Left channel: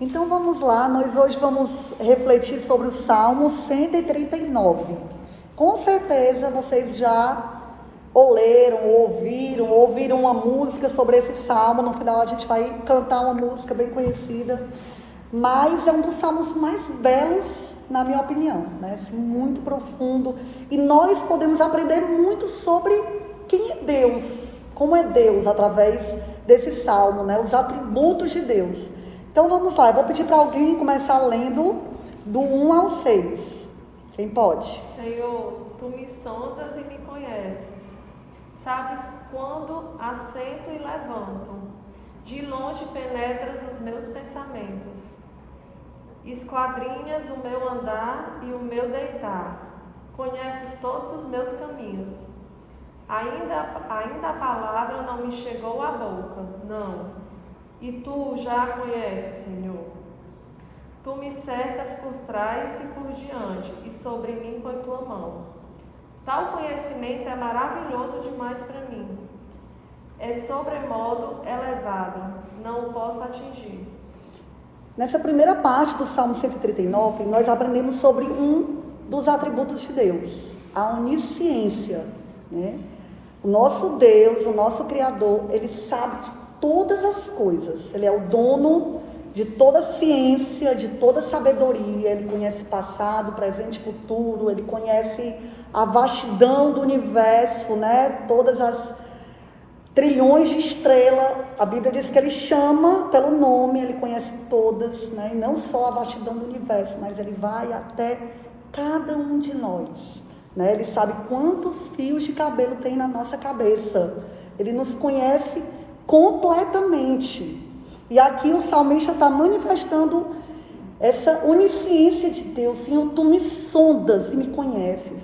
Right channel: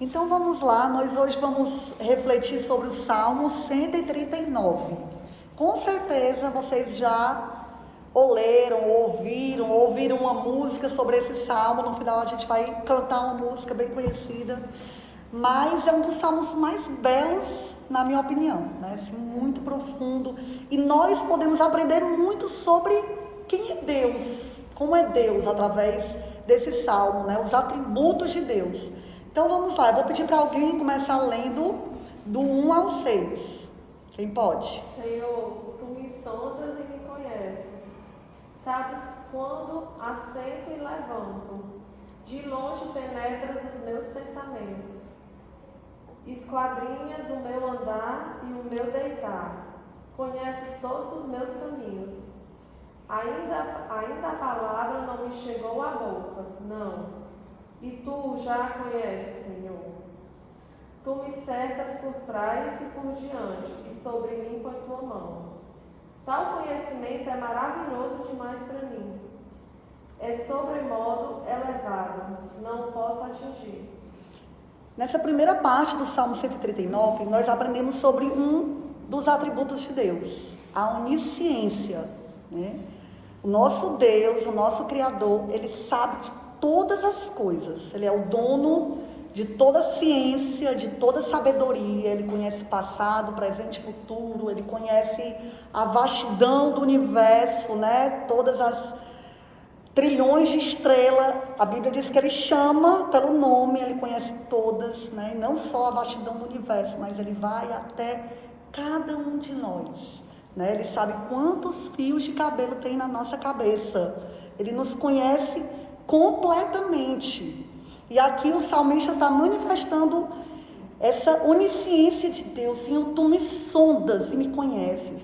Então vamos lá, nós hoje vamos refletir sobre o Salmo 139. Com certeza vocês já ou leram, ou ouviram uma música sobre esse salmo. No final a gente vai cantar uma música bem conhecida, mas é um dos salmos mais belos, na minha opinião, né? Assim, muito profundo, e nós podemos aprender muito sobre quem é Deus, como é Deus, através desse salmo, né? Os atributos de Deus. Então vamos lá, eu vou pedir para alguém começar lendo do 1 ao 6. Quem pode? Senhor, tu me sondas e me conheces. Sabes quando assento e levanto. De longe penetras os meus pensamentos. Esquadrinhas o meu andar e o meu deitar. Conheces todos os meus caminhos. Ainda a palavra não me chegou à boca, não. E tu já a conheces, Senhor. Tu me cercas por trás e por diante, e sobre mim põe tua mão. Tal conhecimento é maravilhoso demais para mim. É sobremodo elevado, não posso atingir. Nessa primeira parte do Salmo 139, nós aprendemos sobre um dos atributos de Deus, a onisciência, né? O nosso Deus, o nosso Criador, Ele sabe de todas as coisas. Ele é o dono de toda a ciência, de toda a sabedoria. Ele conhece passado, presente e futuro. Ele conhece a vastidão do universo, né? Todas as trilhões de estrelas. A Bíblia diz que Ele chama pelo nome, Ele conhece todas, né? E não só a vastidão do universo, mas Ele vai até cada um de nós, né? Ele sabe quantos fios de cabelo tem na nossa cabeça. Ele nos conhece completamente. E aqui o salmista está manifestando essa onisciência de Deus. Senhor, tu me sondas e me conheces.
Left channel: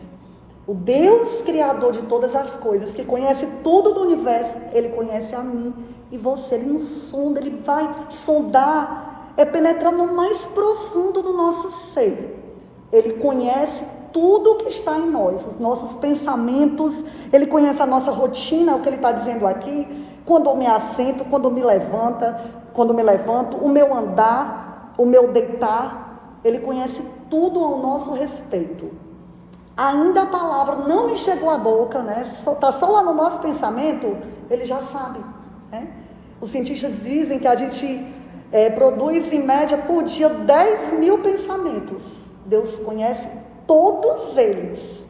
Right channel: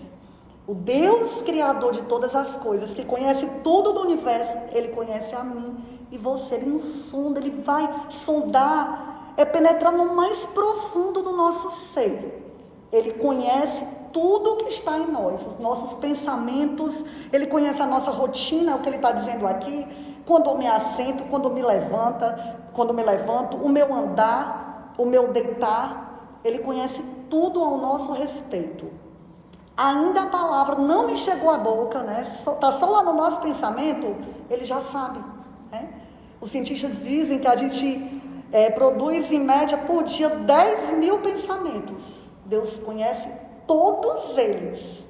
O Deus criador de todas as coisas, que conhece tudo do universo, Ele conhece a mim e você. Ele nos sonda, Ele vai sondar, penetrar no mais profundo do nosso ser. Ele conhece tudo que está em nós, os nossos pensamentos. Ele conhece a nossa rotina, é o que Ele está dizendo aqui. Quando eu me assento, quando me levanto, o meu andar, o meu deitar, Ele conhece tudo ao nosso respeito. Ainda a palavra não me chegou à boca, né? Está só lá no nosso pensamento, Ele já sabe, né? Os cientistas dizem que a gente produz em média por dia 10.000 pensamentos. Deus conhece todos eles.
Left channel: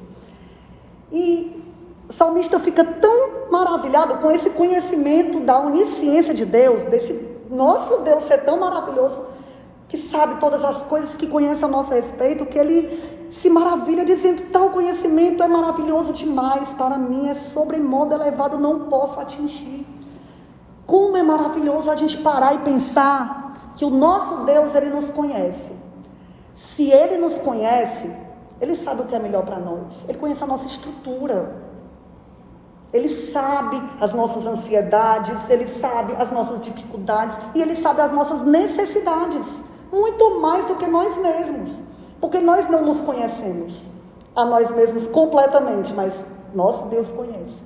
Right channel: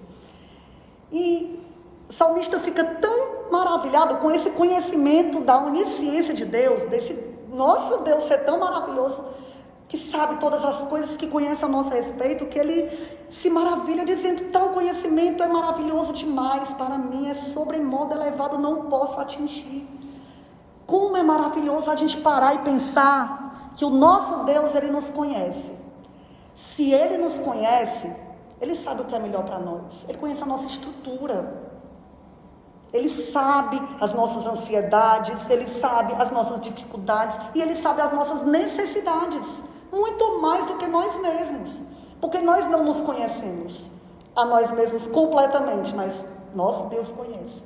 E o salmista fica tão maravilhado com esse conhecimento da onisciência de Deus, desse nosso Deus ser tão maravilhoso, que sabe todas as coisas, que conhece a nosso respeito, que ele se maravilha dizendo: tal conhecimento é maravilhoso demais para mim, é sobremodo elevado, não posso atingir. Como é maravilhoso a gente parar e pensar que o nosso Deus, Ele nos conhece. Se Ele nos conhece, Ele sabe o que é melhor para nós. Ele conhece a nossa estrutura. Ele sabe as nossas ansiedades, Ele sabe as nossas dificuldades e Ele sabe as nossas necessidades, muito mais do que nós mesmos, porque nós não nos conhecemos a nós mesmos completamente, mas nosso Deus conhece,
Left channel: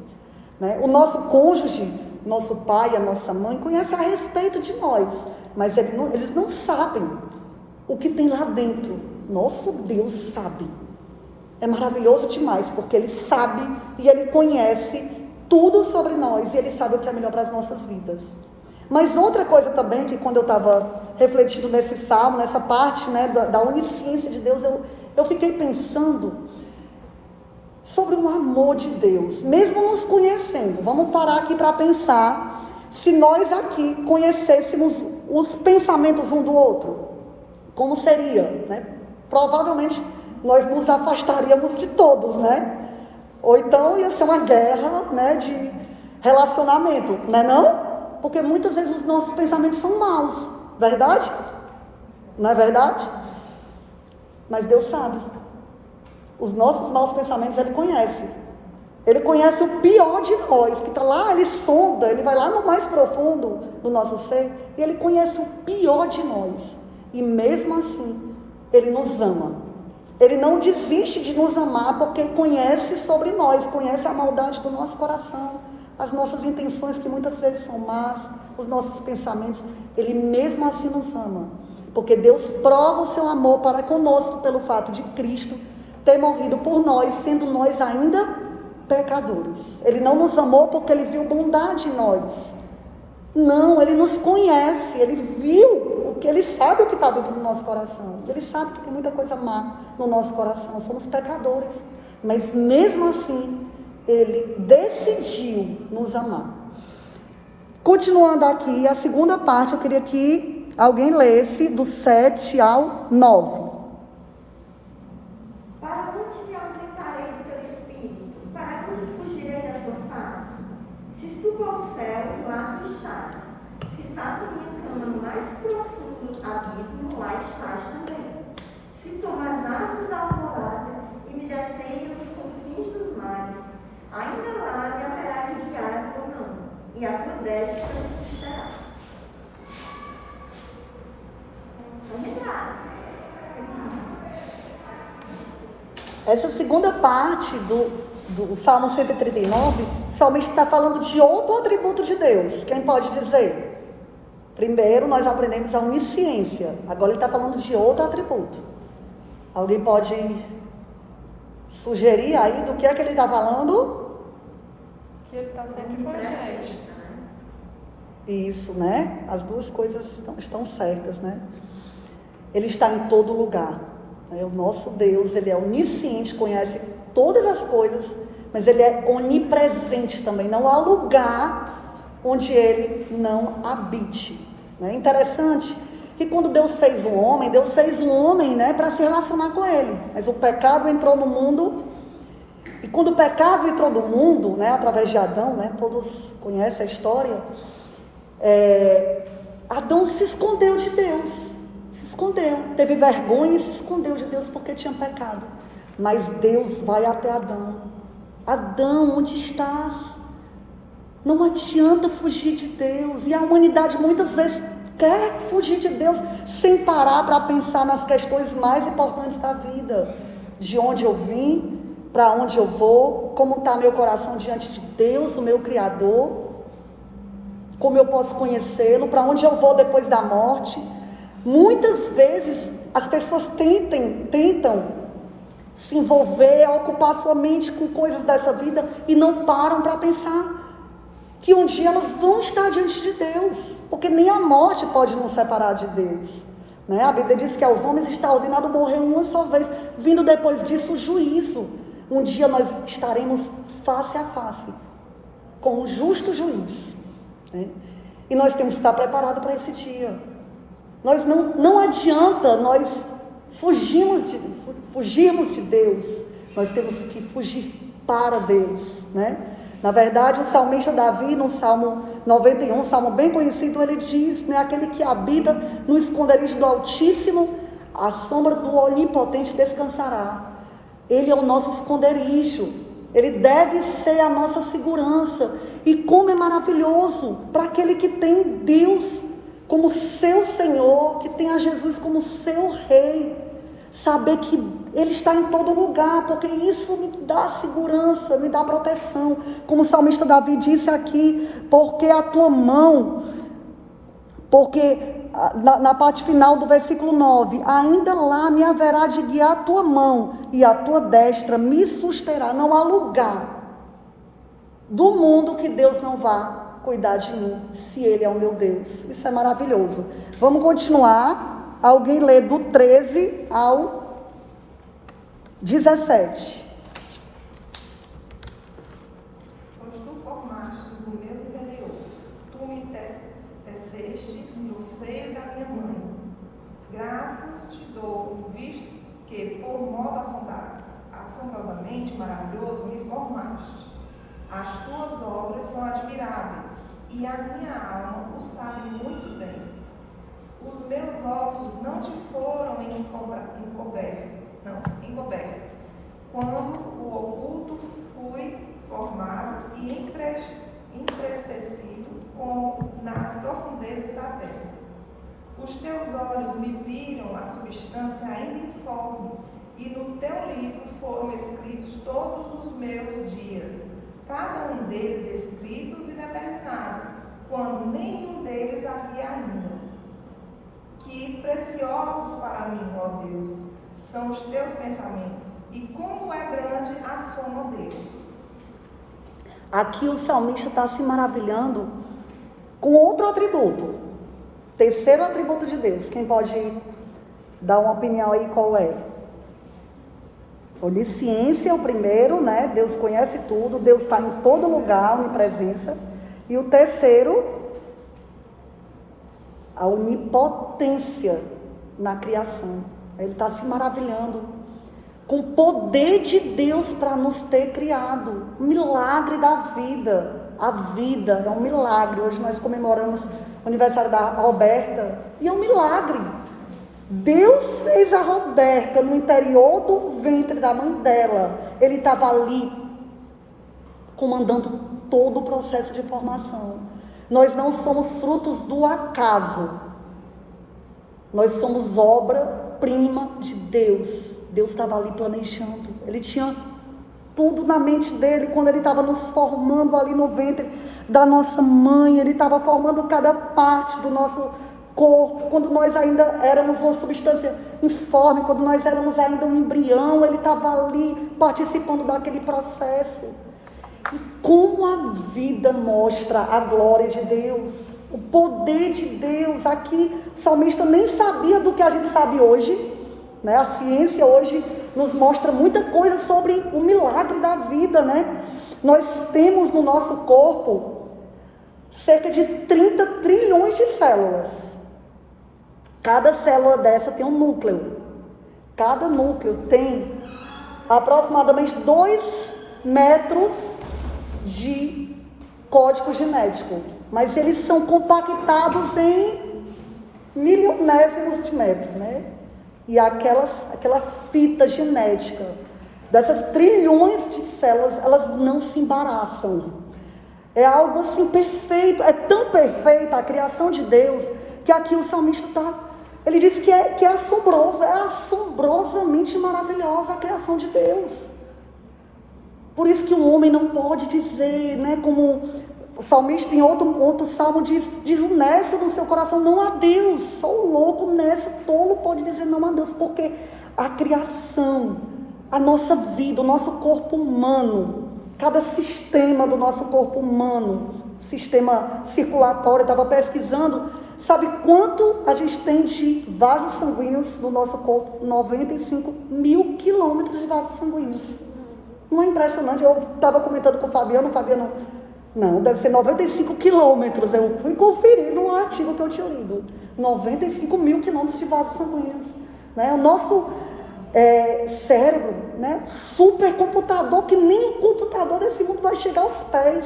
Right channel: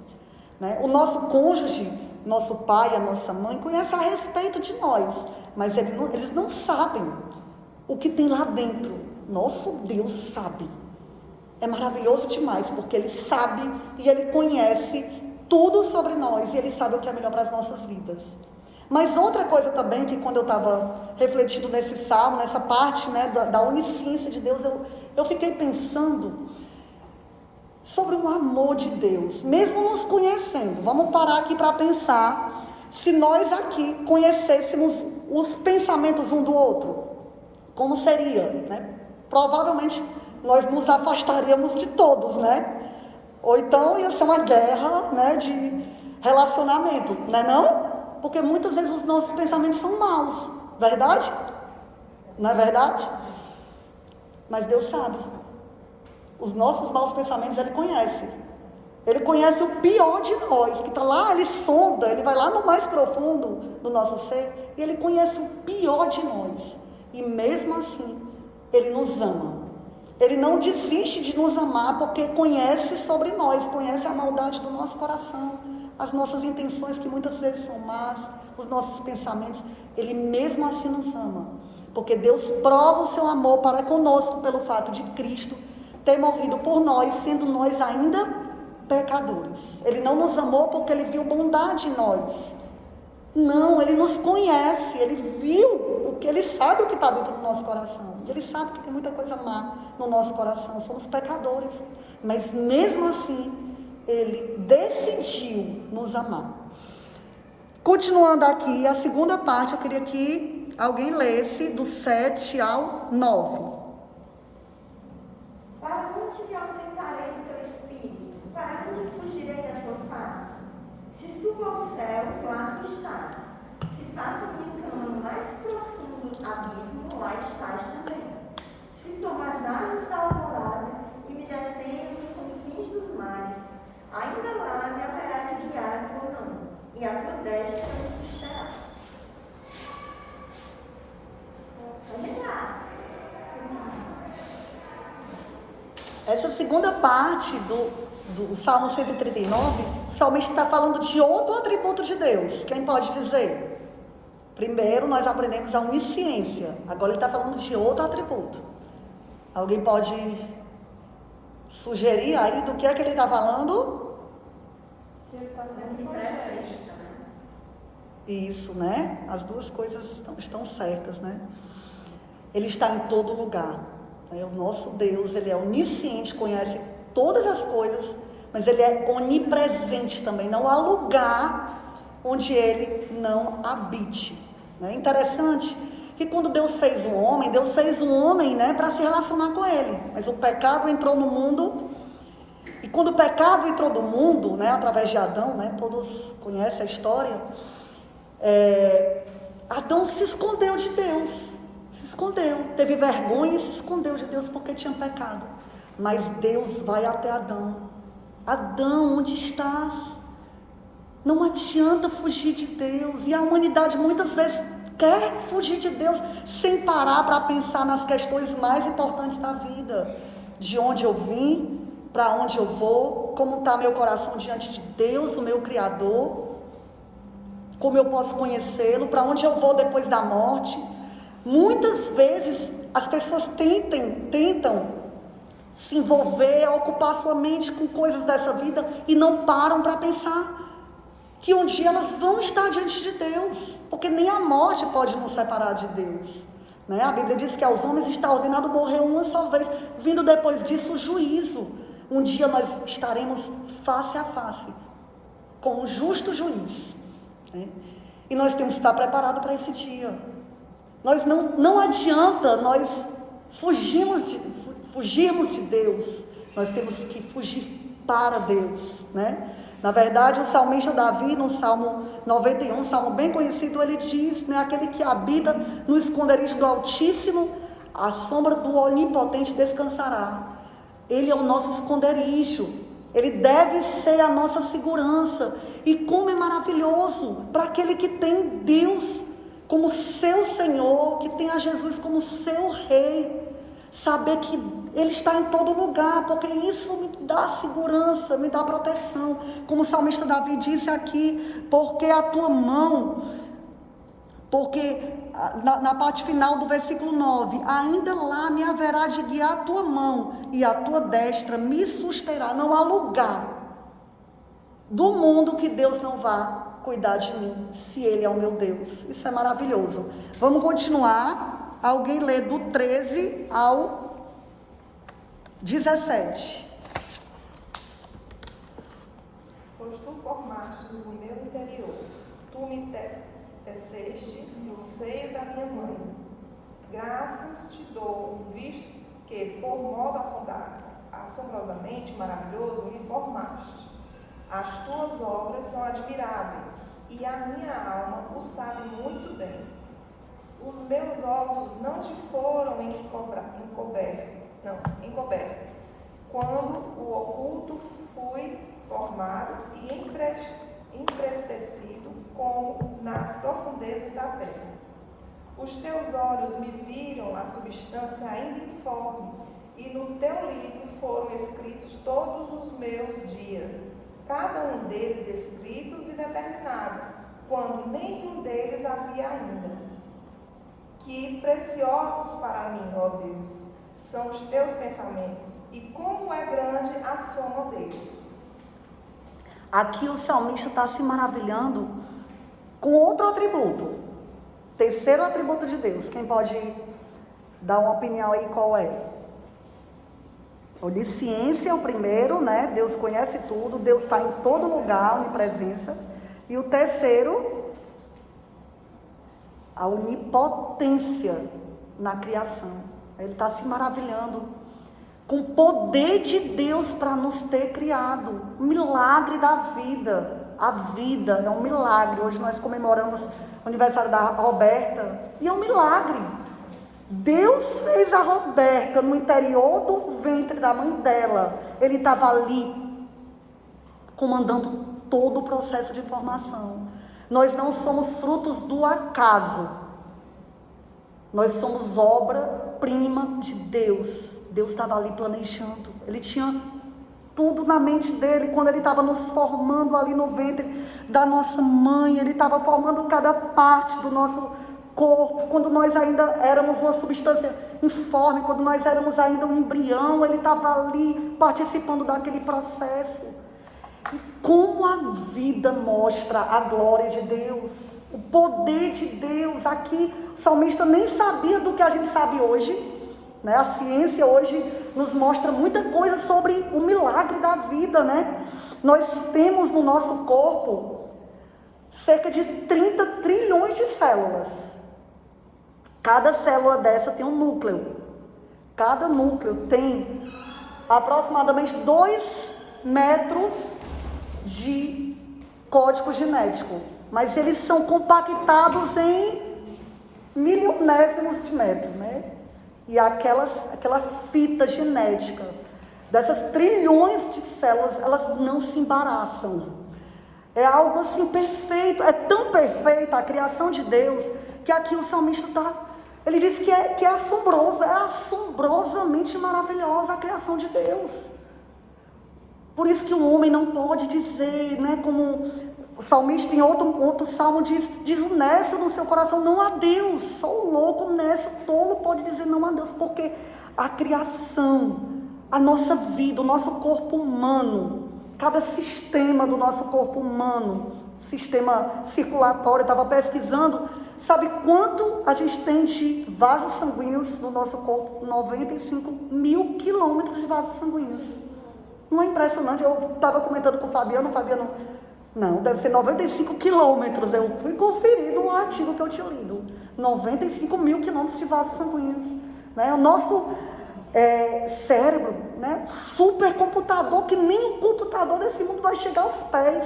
né? O nosso cônjuge, nosso pai, a nossa mãe, conhece a respeito de nós, mas eles não sabem o que tem lá dentro. Nosso Deus sabe. É maravilhoso demais, porque Ele sabe e Ele conhece tudo sobre nós, e Ele sabe o que é melhor para as nossas vidas. Mas outra coisa também, que quando eu estava refletindo nesse salmo, nessa parte, né, da onisciência de Deus, eu fiquei pensando sobre o amor de Deus, mesmo nos conhecendo. Vamos parar aqui para pensar, se nós aqui conhecêssemos os pensamentos um do outro, como seria, né? Provavelmente nós nos afastaríamos de todos, né? Ou então ia ser uma guerra, né, de relacionamento, não é não? Porque muitas vezes os nossos pensamentos são maus, verdade? Não é verdade? Mas Deus sabe. Os nossos maus pensamentos Ele conhece. Ele conhece o pior de nós, que está lá, Ele sonda, Ele vai lá no mais profundo do nosso ser, e Ele conhece o pior de nós. E mesmo assim, Ele nos ama. Ele não desiste de nos amar, porque conhece sobre nós, conhece a maldade do nosso coração, as nossas intenções, que muitas vezes são más, os nossos pensamentos. Ele mesmo assim nos ama. Porque Deus prova o seu amor para conosco pelo fato de Cristo ter morrido por nós, sendo nós ainda pecadores. Ele não nos amou porque ele viu bondade em nós. Não, ele nos conhece, ele viu o que ele sabe o que está dentro do nosso coração. Ele sabe que tem muita coisa má no nosso coração, somos pecadores. Mas mesmo assim, ele decidiu nos amar. Continuando aqui, a segunda parte, eu queria que alguém lesse do 7 ao 9. Para onde me ausentarei do teu espírito? Para onde fugirei da tua face? Se subo aos céus, lá tu estás. Se faço minha cama no mais profundo abismo, lá estás também. Se tomo as asas da alvorada e me detenho nos confins dos mares, ainda lá me haverá de guiar a tua mão, e a tua destra me susterá. Não é nada. Essa segunda parte do Salmo 139, o salmista está falando de outro atributo de Deus. Quem pode dizer? Primeiro, nós aprendemos a onisciência. Agora ele está falando de outro atributo. Alguém pode sugerir aí do que é que ele está falando? Que ele está sempre com a gente. Isso, né? As duas coisas estão certas, né? Ele está em todo lugar. O nosso Deus, ele é onisciente, conhece todas as coisas, mas ele é onipresente também. Não há lugar onde ele não habite. É interessante que quando Deus fez o homem, né, para se relacionar com ele. Mas o pecado entrou no mundo, e quando o pecado entrou no mundo, né, através de Adão, né, todos conhecem a história, Adão se escondeu de Deus. Escondeu, teve vergonha e se escondeu de Deus porque tinha pecado. Mas Deus vai até Adão. Adão, onde estás? Não adianta fugir de Deus. E a humanidade muitas vezes quer fugir de Deus sem parar para pensar nas questões mais importantes da vida. De onde eu vim, para onde eu vou, como está meu coração diante de Deus, o meu Criador, como eu posso conhecê-lo, para onde eu vou depois da morte. Muitas vezes as pessoas tentam se envolver, ocupar sua mente com coisas dessa vida e não param para pensar que um dia elas vão estar diante de Deus, porque nem a morte pode nos separar de Deus, né? A Bíblia diz que aos homens está ordenado morrer uma só vez, vindo depois disso o juízo. Um dia nós estaremos face a face com um justo juiz, né? E nós temos que estar preparados para esse dia. Nós não adianta nós fugirmos de Deus, nós temos que fugir para Deus, né? Na verdade, o salmista Davi, no Salmo 91, um salmo bem conhecido, ele diz, né, aquele que habita no esconderijo do Altíssimo, a sombra do Onipotente descansará. Ele é o nosso esconderijo, ele deve ser a nossa segurança. E como é maravilhoso para aquele que tem Deus como seu Senhor, que tem a Jesus como seu Rei, saber que Ele está em todo lugar, porque isso me dá segurança, me dá proteção. Como o salmista Davi disse aqui, porque a tua mão, porque na parte final do versículo 9, ainda lá me haverá de guiar a tua mão, e a tua destra me susterá. Não há lugar do mundo que Deus não vá cuidar de mim, se Ele é o meu Deus. Isso é maravilhoso. Vamos continuar. Alguém lê do 13 ao 17. Pois tu formaste o meu interior, tu me teceste no seio da minha mãe. Graças te dou, visto que, por modo assombrosamente maravilhoso, me formaste. As tuas obras são admiráveis, e a minha alma o sabe muito bem. Os meus ossos não te foram encobertos, quando o oculto fui formado e entretecido como nas profundezas da terra. Os teus olhos me viram a substância ainda informe, e no teu livro foram escritos todos os meus dias, cada um deles escritos e determinados, quando nenhum deles havia ainda. Que preciosa são os teus pensamentos, e como é grande a soma deles. Aqui o salmista está se maravilhando com outro atributo. Terceiro atributo de Deus. Quem pode dar uma opinião aí qual é? Onisciência é o primeiro, né? Deus conhece tudo, Deus está em todo lugar, onipresença. E o terceiro, a onipotência na criação. Ele está se maravilhando com o poder de Deus para nos ter criado. O milagre da vida. A vida é um milagre. Hoje nós comemoramos o aniversário da Roberta. E é um milagre. Deus fez a Roberta no interior do ventre da mãe dela. Ele estava ali comandando todo o processo de formação. Nós não somos frutos do acaso. Nós somos obra-prima de Deus. Deus estava ali planejando. Ele tinha tudo na mente dele quando ele estava nos formando ali no ventre da nossa mãe. Ele estava formando cada parte do nosso corpo. Quando nós ainda éramos uma substância informe, quando nós éramos ainda um embrião, ele estava ali participando daquele processo. E como a vida mostra a glória de Deus, o poder de Deus. Aqui o salmista nem sabia do que a gente sabe hoje, né? A ciência hoje nos mostra muita coisa sobre o milagre da vida, né? Nós temos no nosso corpo cerca de 30 trilhões de células. Cada célula dessa tem um núcleo. Cada núcleo tem aproximadamente 2 metros de código genético, mas eles são compactados em milionésimos de metro, né? E aquela fita genética dessas trilhões de células, elas não se embaraçam. É algo assim perfeito, é tão perfeita a criação de Deus, que aqui o salmista ele diz que é assombroso, é assombrosamente maravilhosa a criação de Deus. Por isso que o homem não pode dizer, né, como o salmista em outro salmo diz o nécio no seu coração, não há Deus. Só o louco, o nécio, o tolo pode dizer não há Deus, porque a criação, a nossa vida, o nosso corpo humano, cada sistema do nosso corpo humano, sistema circulatório, eu estava pesquisando, sabe quanto a gente tem de vasos sanguíneos no nosso corpo? 95 mil quilômetros de vasos sanguíneos. Não é impressionante? Eu estava comentando com o Fabiano, não, deve ser 95 quilômetros. Eu fui conferir no artigo que eu tinha lido. 95 mil quilômetros de vasos sanguíneos. Né? O nosso cérebro, né? Supercomputador, que nem um computador desse mundo vai chegar aos pés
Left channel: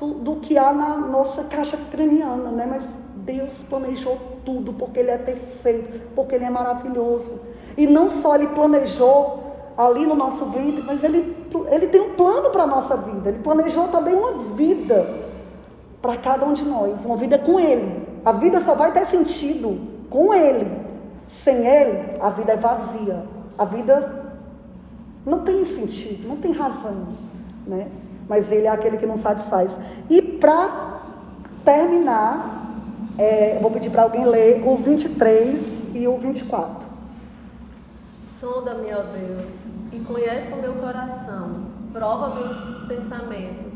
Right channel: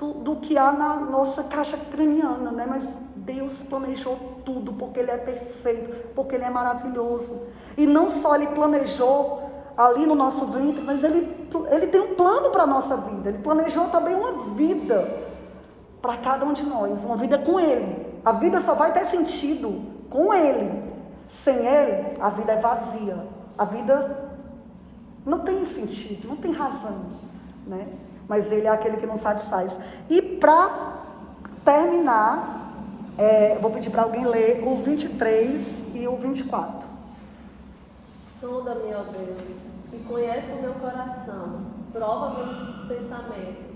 do que há na nossa caixa craniana. Né? Mas Deus planejou tudo, porque Ele é perfeito, porque Ele é maravilhoso. E não só Ele planejou ali no nosso ventre, mas ele tem um plano para a nossa vida. Ele planejou também uma vida para cada um de nós, uma vida com Ele. A vida só vai ter sentido com Ele. Sem Ele, a vida é vazia. A vida não tem sentido, não tem razão, né? Mas Ele é aquele que nos satisfaz. E para terminar, eu vou pedir para alguém ler o 23 e o 24. Sonda-me, ó Deus, e conhece o meu coração, prova meus pensamentos.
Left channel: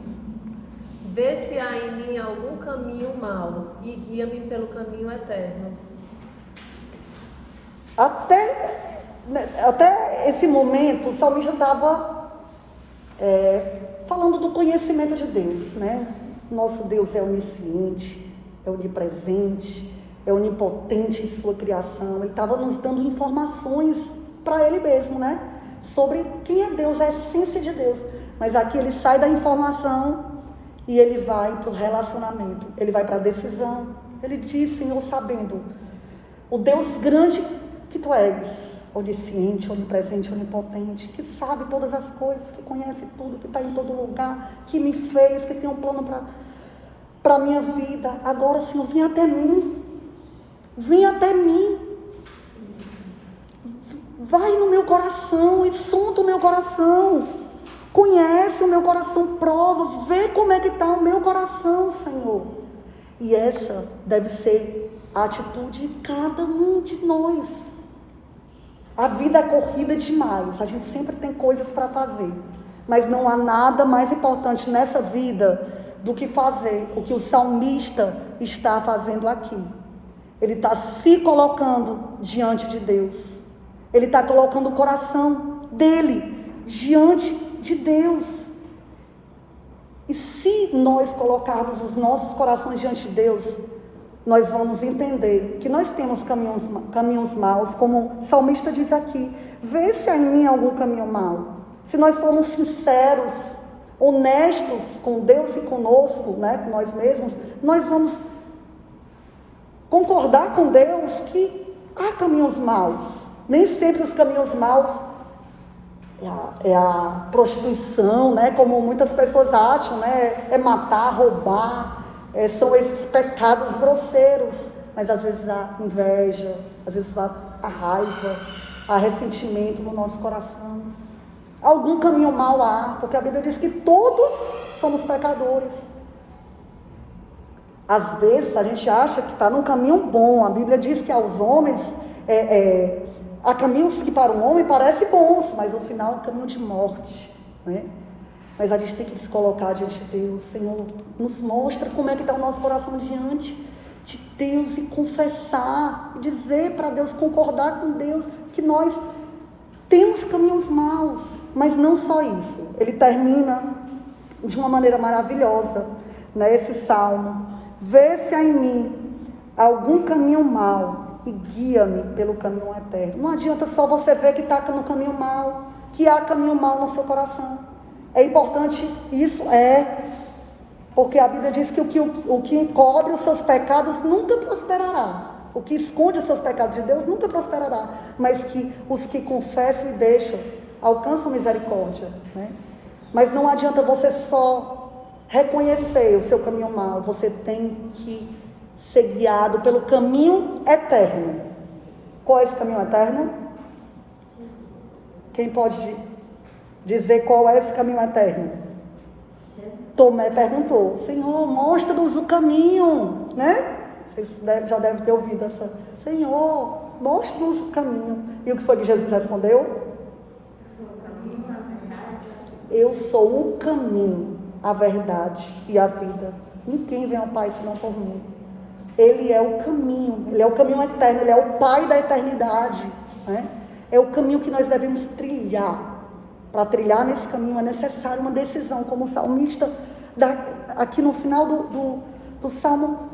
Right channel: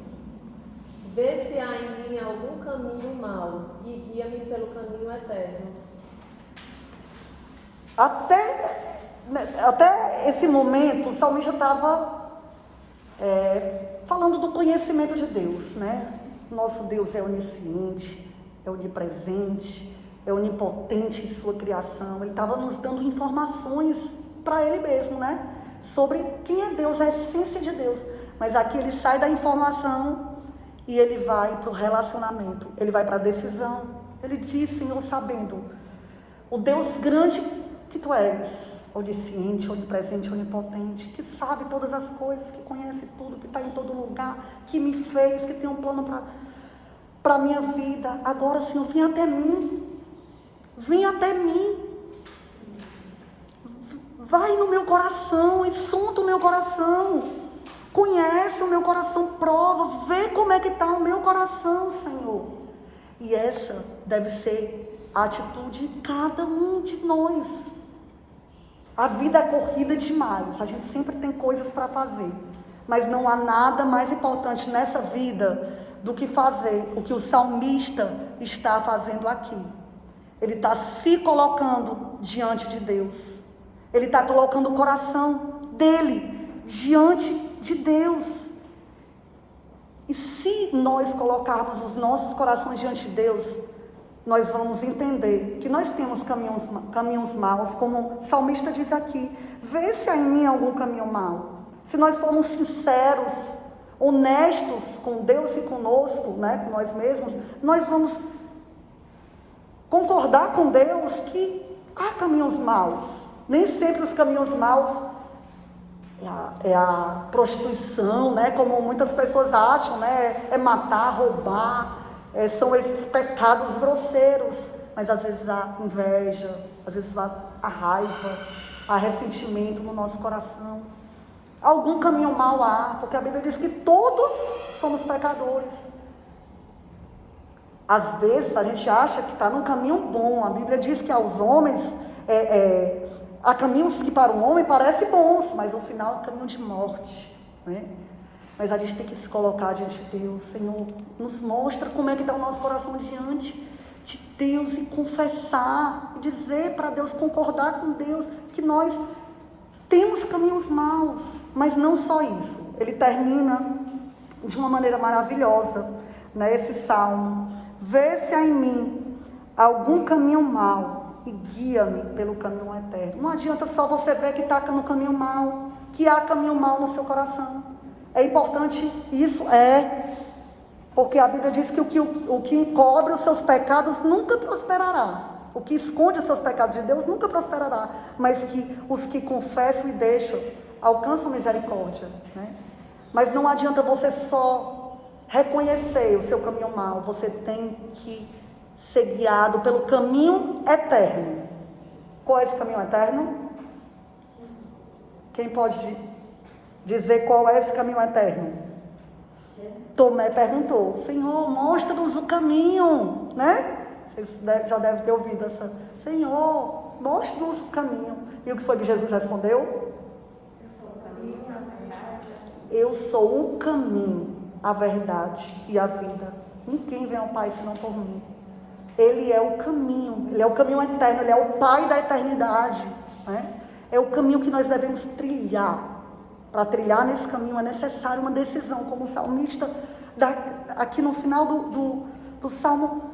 Vê se há em mim algum caminho mau e guia-me pelo caminho eterno. Até esse momento, o salmista estava falando do conhecimento de Deus, né? Nosso Deus é onisciente, é onipresente, é onipotente em sua criação. Ele estava nos dando informações para Ele mesmo, né? Sobre quem é Deus, a essência de Deus. Mas aqui ele sai da informação e ele vai para o relacionamento. Ele vai para a decisão. Ele diz, Senhor, sabendo o Deus grande que Tu és, onisciente, onipresente, onipotente, que sabe todas as coisas, que conhece tudo, que está em todo lugar, que me fez, que tem um plano para a minha vida. Agora, Senhor, vem até mim. Vem até mim. Vai no meu coração e sonda o meu coração. Conhece o meu coração, prova, vê como é que está o meu coração, Senhor. E essa deve ser a atitude de cada um de nós. A vida é corrida demais, a gente sempre tem coisas para fazer, mas não há nada mais importante nessa vida do que fazer o que o salmista está fazendo aqui. Ele está se colocando diante de Deus, ele está colocando o coração dele diante de Deus. E se nós colocarmos os nossos corações diante de Deus, nós vamos entender que nós temos caminhos maus, como o salmista diz aqui. Vê se há em mim algum caminho mau. Se nós formos sinceros, honestos com Deus e conosco, né, com nós mesmos, nós vamos concordar com Deus que há caminhos maus. Nem sempre os caminhos maus é a prostituição, né, como muitas pessoas acham, né, é matar, roubar. São esses pecados grosseiros, mas às vezes há inveja, às vezes há raiva, há ressentimento no nosso coração. Algum caminho mau há, porque a Bíblia diz que todos somos pecadores. Às vezes a gente acha que está num caminho bom. A Bíblia diz que aos homens, há caminhos que para um homem parecem bons, mas no final é um caminho de morte, né? Mas a gente tem que se colocar diante de Deus. Senhor, nos mostra como é que está o nosso coração diante de Deus e confessar, e dizer para Deus, concordar com Deus, que nós temos caminhos maus. Mas não só isso, ele termina de uma maneira maravilhosa, né, esse salmo. Vê se há em mim algum caminho mau e guia-me pelo caminho eterno. Não adianta só você ver que está no caminho mau, que há caminho mau no seu coração. É importante isso, porque a Bíblia diz que o que encobre os seus pecados nunca prosperará. O que esconde os seus pecados de Deus nunca prosperará. Mas que os que confessam e deixam, alcançam misericórdia, né? Mas não adianta você só reconhecer o seu caminho mau. Você tem que ser guiado pelo caminho eterno. Qual é esse caminho eterno? Quem pode dizer qual é esse caminho eterno? Tomé perguntou: Senhor, mostra-nos o caminho, né? Vocês já devem ter ouvido essa. Senhor, mostra-nos o caminho. E o que foi que Jesus respondeu? Eu sou o caminho, a verdade e a vida. Ninguém vem ao Pai senão por mim. Ele é o caminho, ele é o caminho eterno, ele é o Pai da eternidade, né? É o caminho que nós devemos trilhar. Para trilhar nesse caminho é necessário uma decisão, como o salmista, aqui no final do salmo,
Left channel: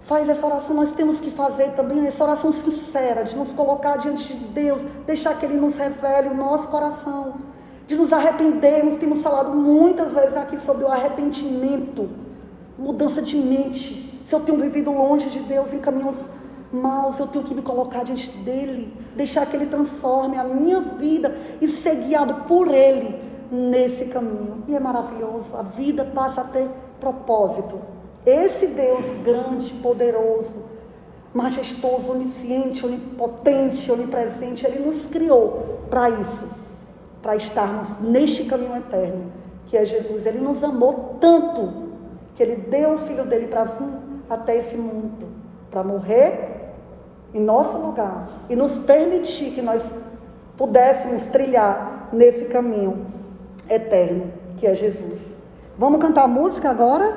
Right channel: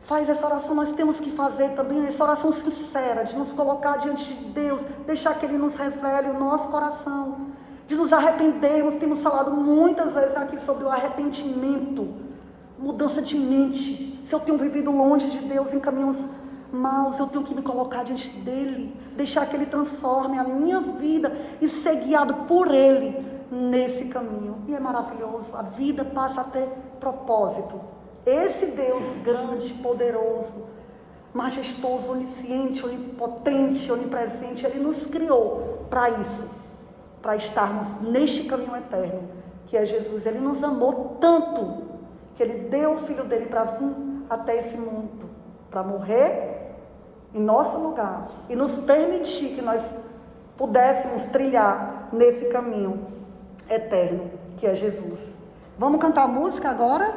faz essa oração. Nós temos que fazer também essa oração sincera, de nos colocar diante de Deus, deixar que Ele nos revele o nosso coração, de nos arrependermos. Temos falado muitas vezes aqui sobre o arrependimento, mudança de mente. Se eu tenho vivido longe de Deus em caminhos maus, eu tenho que me colocar diante dele, deixar que ele transforme a minha vida e ser guiado por ele nesse caminho. E é maravilhoso, a vida passa a ter propósito. Esse Deus grande, poderoso, majestoso, onisciente, onipotente, onipresente, ele nos criou para isso, para estarmos neste caminho eterno, que é Jesus. Ele nos amou tanto que ele deu o Filho dele para vir até esse mundo, para morrer em nosso lugar e nos permitir que nós pudéssemos trilhar nesse caminho eterno que é Jesus. Vamos cantar música agora?